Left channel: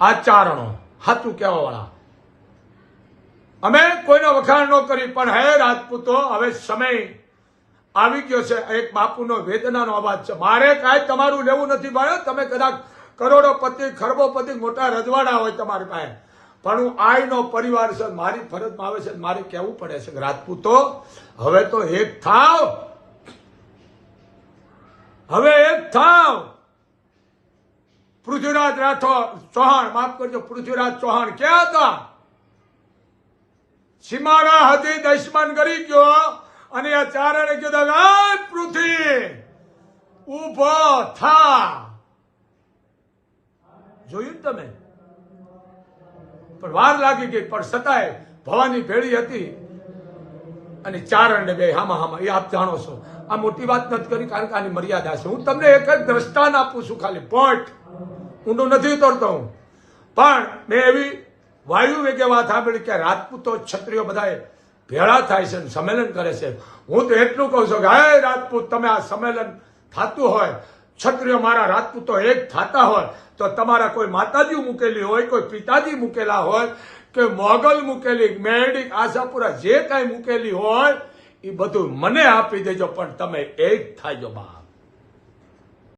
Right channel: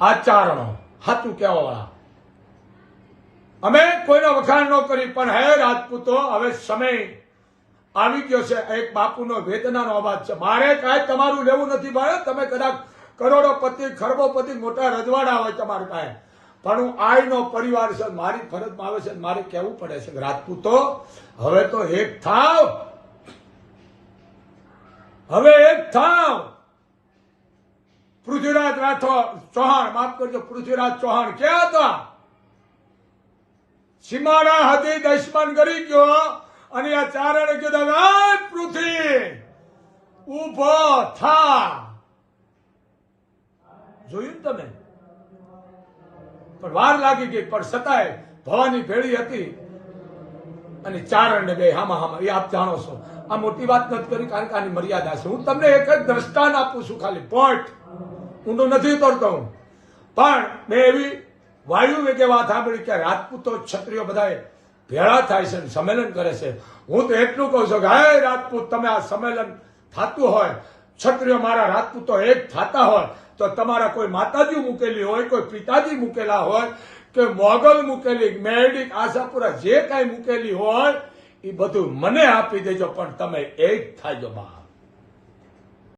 આચારણો હાથું કહેવા વાળા અમે કોઈનો વખાણ ન કરી, પણ હે રાજપૂતો, હવે સમય આવી ગયો છે. એક બાપુનો વેદનાનો અવાજ છે. મારે કાંઈ તમારું લેવું નથી ભાઈ. તમે કદાચ કરોડોપતિ, ખરબોપતિ, મોટા રજવાડા હોય તમારી પાસે. પણ હું આઈનો પરિવાર છે. મારી ફરજમાં આવે છે મારે કહેવું પડે છે રાજપૂતો, હવે તો એક થાવ. હવે એક થાવ. પૃથ્વીરાજ રાઠોડ ચૌહાણ, માફ કરજો, પૃથ્વીરાજ ચૌહાણ ક્યાં હતા? સીમાડા હતી દશમન કરી ગયો અને આ ચારણે કીધું "આય પૃથ્વી ઊભો થા. જોયું તમે? પણ વાર લાગી ગઈ, પણ છતાંય ભવાની ભેળી હતી અને ચારણ ને બે હામા હામાં, એ આપ જાણો છો. આ મોટી વાત નથી કરી, કારણ કે આની મર્યાદા છે. હું તમને એક જ દ્રષ્ટાન આપું છું ખાલી પોઈન્ટ ઊંડું નથી તોડતો હું. પણ મેં એવી વાયુ વેગે વાત સાંભળી કે રાજપૂતો ક્ષત્રિયો બધાએ ભેળા થાય છે સંમેલન કરે છે. હું તો એટલું કહું છું કે, હે રાજપૂત, તમે આ સંમેલન થતું હોય, ક્ષત્રિયો મારા રાજપૂતો એક થતા હોય, તો તમારા કોઈ માતાજી મૂકેલી હોય, કોઈ પિતાજી મૂકેલા હોય, કે મોગલ મૂકેલી, મેરડી, આશાપુરા જે કાંઈ મૂકેલી હોય, એ બધું મને આપી દેજો, પણ તમે એક થાજો બા